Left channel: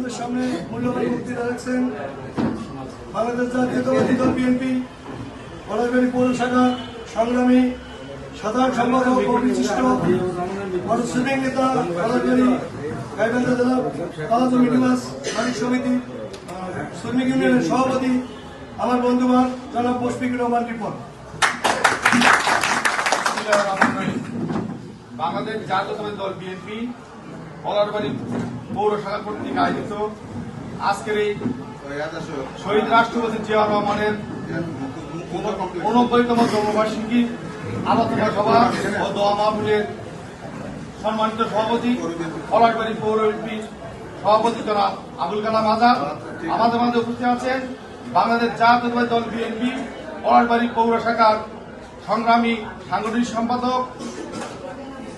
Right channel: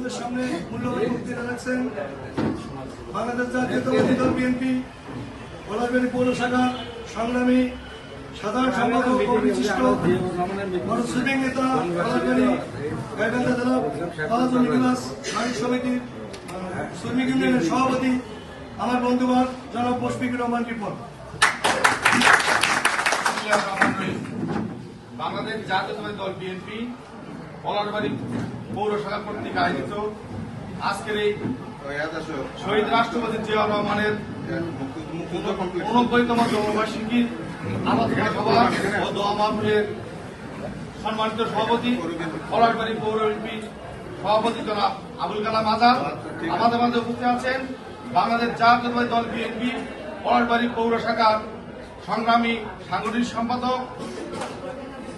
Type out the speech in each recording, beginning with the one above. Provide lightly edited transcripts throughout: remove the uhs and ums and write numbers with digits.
আপনাদের সামনে মূল্যবান বক্তৃতা রাখছেন বাংলাদেশ জাতীয়তাবাদী দল বিএনপি পলাশবাড়ী পৌর শাখা সংগ্রামী সাধারণ সম্পাদক ও বিশিষ্ট সুইমিং নেতা পলাশবাড়ী গাইবান্ধা জেলা তালাজুল নিবাস নারী সমিতি শ্রমিক ইউনিয়নের সভাপতি আমার বন্ধুবার জনাব মুশফিকুর রহমান রিপন। বাংলাদেশ জাতীয়তাবাদী দল বিএনপি পলাশবাড়ী পৌর শাখা কর্তৃক আয়োজিত আজকের এই শহীদ রাষ্ট্রপতি জিয়াউর রহমানের 89তম জন্মবার্ষিকী আলোচনা সভা ও দোয়া মাহফিলের সম্মানিত সভাপতি পলাশবাড়ী পৌর এমপি সভাপতি জনাব আবুল কালাম আজাদ আমাদের মাঝে উপস্থিত আছেন বাংলাদেশ জাতীয়তাবাদী দল বিএনপি পলাশবাড়ী পৌর শাখার সংগ্রামী সাংগঠনিক সম্পাদক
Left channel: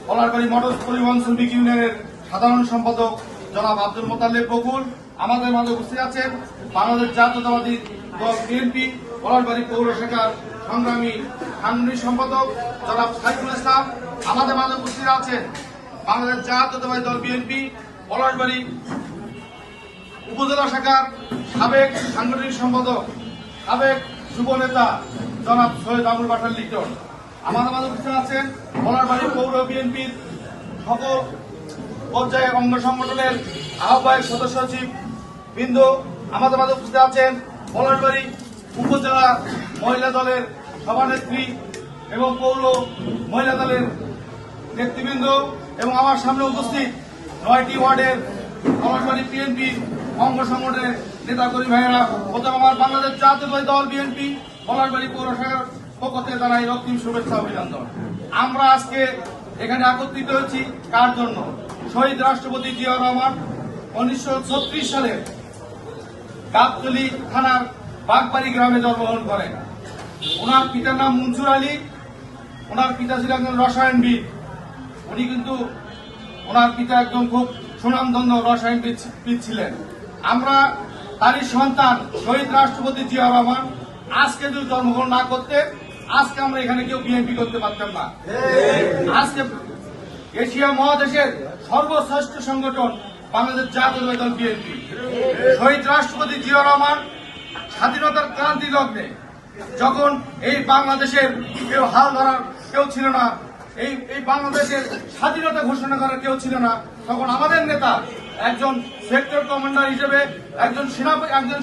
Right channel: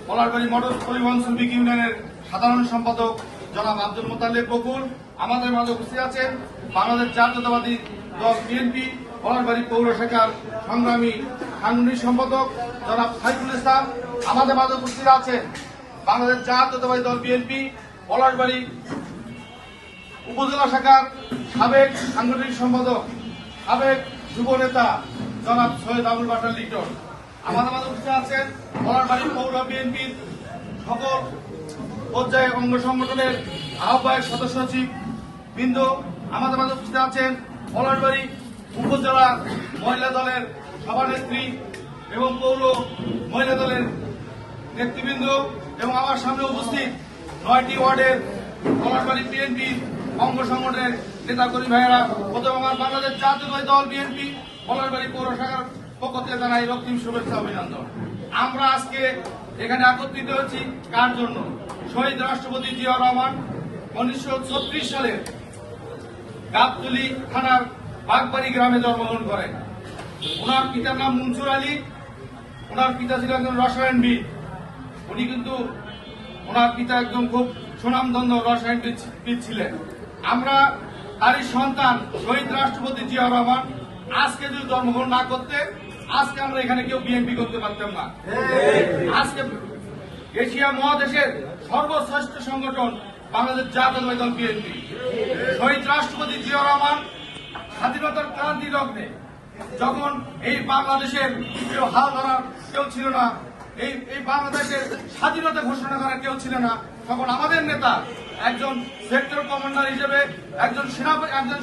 পলাশবাড়ী মোটর পরিবহন শ্রমিক ইউনিয়নের সাধারণ সম্পাদক জনাব আব্দুল মোতালেব বকুল আমাদের মাঝে উপস্থিত আছেন বাংলাদেশ জাতীয়তাবাদী দল বিএনপি পলাশবাড়ী পৌর শাখার সংগ্রামী সাংগঠনিক সম্পাদক জনাব সাইফুল ইসলাম আমাদের মাঝে উপস্থিত আছেন বাংলাদেশ জাতীয়তাবাদী দল বিএনপি পলাশবাড়ী উপজেলা শাখার সাবেক সাংগঠনিক সম্পাদক সাবেক যুব নেতা জনাব সৈয়দ আবুল বাশার লিটন আমাদের মাঝে উপস্থিত আছেন পলাশবাড়ী পৌর বিএনপির সকল পর্যায়ে অঙ্গ সংগঠনের আহ্বায়ক সদস্য সচিব বৃন্দ আমাদের মাঝে উপস্থিত আছেন পলাশবাড়ী উপজেলা মহিলা দলের সভানেত্রী এবং পৌর মহিলা দলের নেতৃবৃন্দ এবং আমার সামনে উপস্থিত 9টি ওয়ার্ডের পলাশবাড়ী বিএনপি অঙ্গ সংগঠনের নেতাকর্মী ভাইয়েরা প্রথম আমার বাংলাদেশ জাতীয়তাবাদী দল বিএনপি পলাশবাড়ী পৌর শাখার পক্ষ থেকে জানাই রক্তিম শুভেচ্ছা অভিনন্দন। আমরা আজকে এখানে একত্রিত হয়েছি কার জন্য? শহীদ রাষ্ট্রপতি জিয়াউর রহমান 1936 সালের গাবতলী থানার বাগবাড়ি গ্রামে জন্মগ্রহণ করেন। ওনার পিতার নাম মনসুর আলী। ওনার পিতা ছিলেন একজন রসায়নবিদ। উনি কিন্তু ওনার পিতা একজন খুব সুনামধন্য রসায়নবিদ ছিলেন। আমরা তারই সন্তান শহীদ রাষ্ট্রপতি জিয়াউর রহমান আজকে যদি জন্মগ্রহণ না করতে আজকে আমরা এখানে কেউ বিএনপি করতে পারতাম না। আজকে এশিয়া মহাদেশের সর্বশ্রেষ্ঠ সংগঠন বাংলাদেশ জাতীয়তাবাদী দল বিএনপি। শহীদ রাষ্ট্রপতি জিয়াউর রহমান স্বাধীনতার ক্রান্তি লগ্নে যখন এই বাংলাদেশের কেউ হাল ধরার কেউ ছিল না, এই বাংলাদেশের স্বাধীনতা ঘোষণা করার কেউ ছিল না, তখন আমাদের নেতা একজন সেক্টর কমান্ডার হিসেবে একজন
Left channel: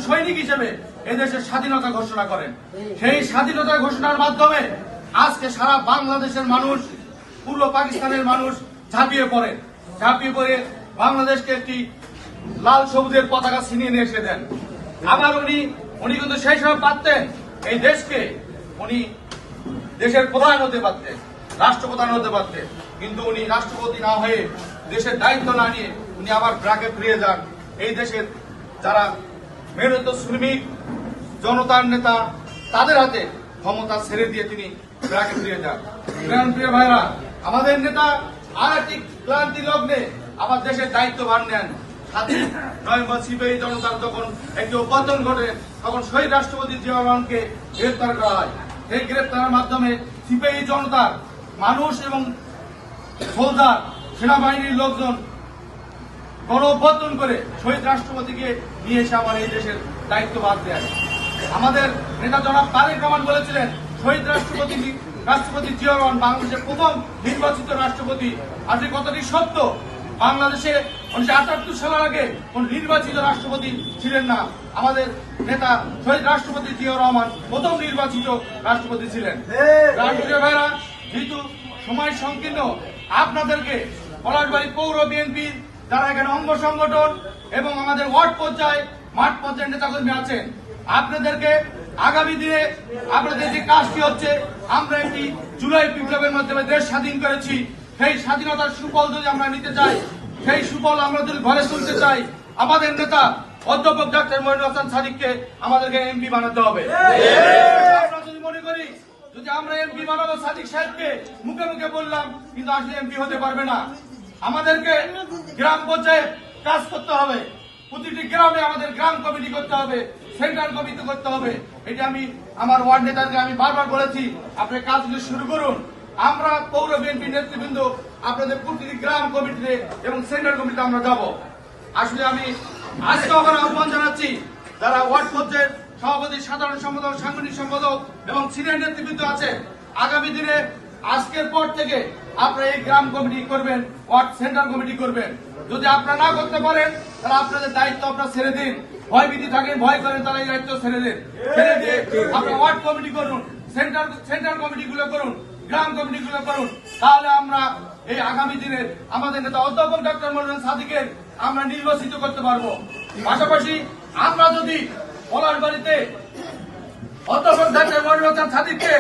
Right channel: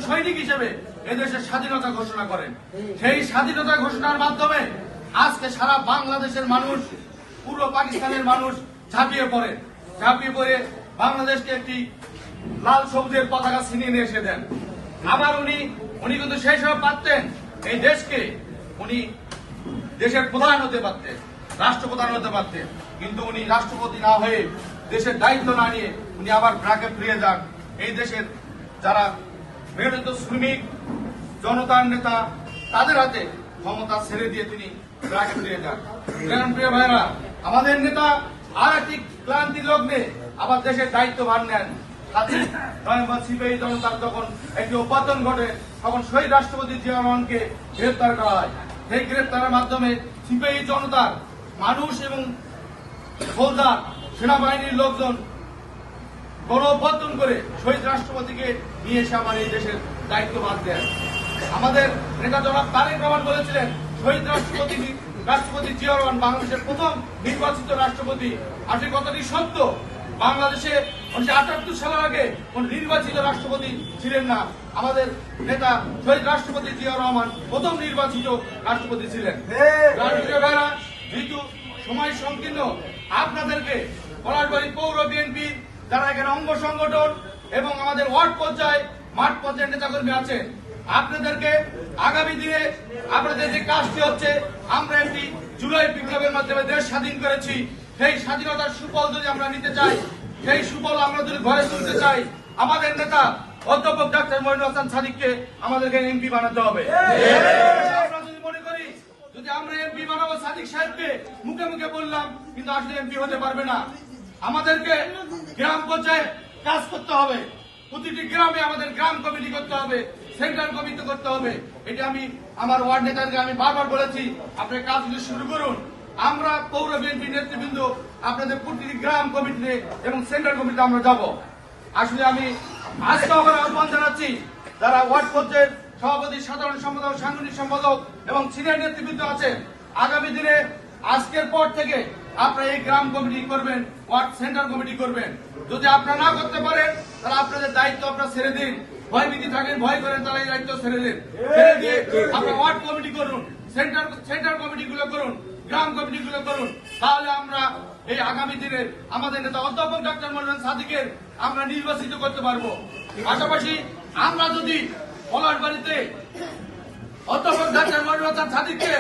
সৈনিক হিসেবে এদেশের স্বাধীনতা ঘোষণা করেন। সেই স্বাধীনতা ঘোষণার মাধ্যমে আজকে সারা বাংলাদেশের মানুষ, পূর্ব পাকিস্তানের মানুষ ঝাঁপিয়ে পড়ে বাংলাদেশকে একটি লাল সবুজের পতাকা ছিনিয়ে নিয়ে এসে দেন। আবার উনি কিন্তু সেই সময় পারতেন এই দেশকে উনি দেশের প্রধান হতে পারতেন, রাষ্ট্রপ্রধান হতে পারতেন, কিন্তু উনি রাষ্ট্রপতি না হয়ে দেশের দায়িত্ব না নিয়ে উনি আবার ব্র্যাকে ফিরে যান। এই দেশের যারা মেহনত শ্রমিক জনতার নেতা তাদের হাতে ক্ষমতা ছেড়ে দিয়ে তিনি ব্র্যাকে ফিরে যান। প্রিয় ভাইরা, আমাদের নেতা আর একটি ক্রান্তি লগ্নে আবার দেশের দায়িত্বভার নেন। 7 নভেম্বর সিপিআই জনতার যখন একটি অভ্যর্থন ঘটে তখন শহীদ রাষ্ট্রপতি জিয়াউর রহমানকে গ্রেপ্তার করা হয়। এই গ্রেপ্তারের মাধ্যমে সিপিআই জনতার মানুষ এবং ফৌজদার সেনাবাহিনীর লোকজন গণ অভ্যর্থন করে শহীদ রাষ্ট্রপতিকে নিয়ে এসে আমার এই দেশের দায়িত্বভার দেন। আমাদের নেতা জনাব তারেক রহমান বলেছিলেন শহীদ রাষ্ট্রপতি জিয়াউর রহমান বাংলাদেশের প্রথম নির্বাচিত রাষ্ট্রপতি। আজ এই কথাটি সত্য। বাংলাদেশে 1978 সালের আগে কোন নির্বাচিত রাষ্ট্রপতি ছিলেন না। আমাদের নেতা শহীদ রাষ্ট্রপতি জিয়াউর রহমান প্রথম নির্বাচিত রাষ্ট্রপতি ছিলেন। যেহেতু সময় সংকীর্ণ, আপনাদেরকে পলাশবাড়ী পৌর বিএনপি যারা এখানে অঙ্গ সংগঠন এবং আমাদের ওয়ার্ড পর্যায়ে মাঠ পর্যায়ের নেতাকর্মী আছেন, আপনাদেরকে আগামী দিনে আপনাদের যে কাজটি হচ্ছে, আমরা একটি জুলাই বিপ্লবের মাধ্যমে দেশ স্বাধীন করেছি। সেই স্বাধীনতার সুফল যদি আমরা নিতে চাই, সেই সুফল আমরা যদি ঘরে তুলতে চাই, আমাদের নেতা অধ্যাপক ডাক্তার মনিরুল হাসান সাদিককে আমাদেরকে এমপি বানাতে হবে। আমরা যদি মনে করি যদি আমরা এমপি বানাবো সাদিক সাহেবকে, মুখে মুখে বললাম, কিন্তু আসলে এমপি হতে পারবে না। আমাদেরকে গ্রাম পর্যায়ে কাজ করতে হবে। প্রতিটি গ্রামে আমাদের গ্রাম কমিটি করতে হবে, সেন্ট্রাল কমিটি করতে হবে। এটা আমি আমার ওয়ার্ড নেতাকে আমি বারবার বলেছি, আপনি কাজগুলো শুরু করুন। আমরা পৌর বিএনপি নেতৃবৃন্দ আপনাদের প্রতিটি গ্রাম কমিটিতে এবং সেন্ট্রাল কমিটিতে আমরা যাব। আসলে আমি আজকে আমরা আহ্বান জানাচ্ছি যারা ওয়ার্ড পর্যায়ের সভাপতি, সাধারণ সম্পাদক, সাংগঠনিক সম্পাদক এবং সিনিয়র নেতৃবৃন্দ আছে, আগামী দিনে আজকের পর থেকে আপনারা এই গ্রাম কমিটি করবেন, ওয়ার্ড সেন্টার কমিটি করবেন। যদি আপনারা না করতে পারেন তাহলে আপনাদের দায়িত্ব আপনারা ছেড়ে দিন। ভয়ভীতি থাকেন, ভয় করেন, তাহলে এই দায়িত্ব ছেড়ে দিন। ছেড়ে দিয়ে আপনারা ওয়ার্ড কমিটি করুন, সেন্টার কমিটিগুলো করুন, গ্রাম কমিটিগুলো করুন। তাহলে আমরা এই আগামী দিনে আমাদের নেতা অধ্যাপক ডক্টর মনিরুল সাদিকের আমরা নির্বাচিত করতে পারবো। পাশাপাশি আমরা যদি পলাশবাড়িতে অধ্যাপক ডক্টর মনিরুল সাদিককে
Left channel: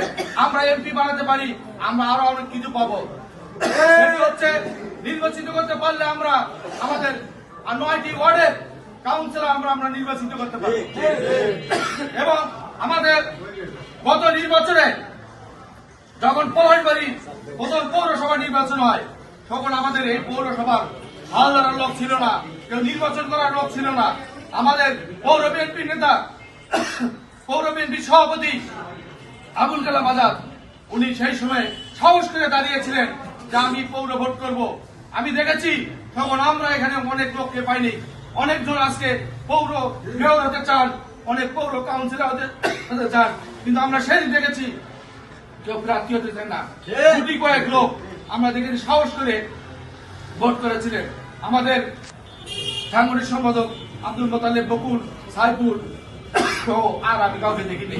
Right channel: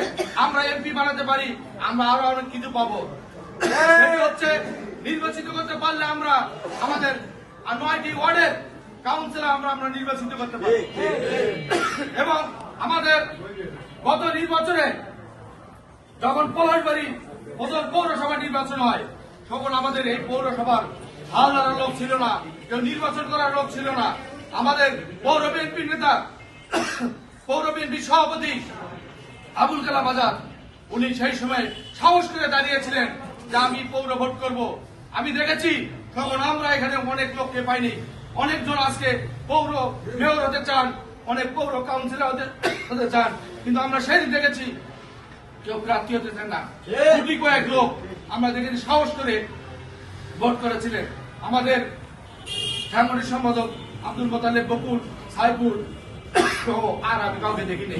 আমরা এমপি বানাতে পারি, আমরা আরো অনেক কিছু পাবো। সেটা হচ্ছে নির্বাচিত করতে পারলে আমরা আমাদের 9টি ওয়ার্ডের কাউন্সিলর আমরা নির্বাচিত করতে পারি। এবং আমাদের গত নির্বাচনে যখন পলাশবাড়ি প্রথম পৌরসভা নির্বাচন হয়, তখন আমাদের এই পৌরসভার হাল ধরার লোক ছিল না, কেউ নির্বাচন করার লোক ছিল না। আমাদের পৌর বিএনপি নেতা, পৌর বিএনপি সভাপতি আবুল কালাম আজাদ, উনি সেই সময় সাহস করে দাঁড়িয়েছিলেন যে আমি পৌর ভোট করব। আমি দেখেছি তখন আমরা এখানে অনেক লোককে পাইনি, অনেকজন আজকে পৌর মেয়র হতে চান, অনেক পৌর কাউন্সিলর হতে চান, কিন্তু আমরা সেদিন দেখেছি কেউ প্রার্থী হতে চান না। দুটি কয়েক লোক আমরা দেখেছি সাহস করে ভোট করেছিলেন। আমাদের সাংগঠনিক সম্পাদক আব্দুল মোতালেব, বকুল, সাইফুল আর আমি কাউকে দেখিনি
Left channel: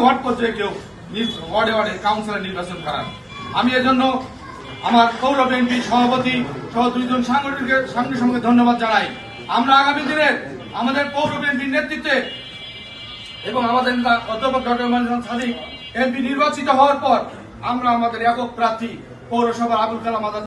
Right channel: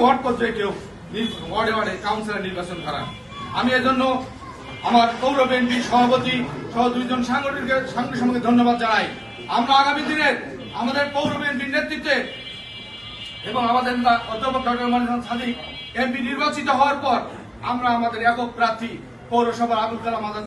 ওয়ার্ড পর্যায়ে কেউ ওয়ার্ডে ওয়ার্ডে কাউন্সিলর নির্বাচন করান। আমি এজন্য আমার পৌর বিএনপি সভাপতি সহ 2 জন সাংগঠনিক সঙ্গে ধন্যবাদ জানাই। আমরা আগামী দিনে আমাদের পৌর বিএনপির নেতৃত্বে এবং আমাদের নেতা অধ্যাপক ডক্টর মনিরুল সাদিক এমপি নির্বাচিত হওয়ার পর আমরা আমাদের একক প্রার্থী পৌরসভার আবুল কালাম আজাদ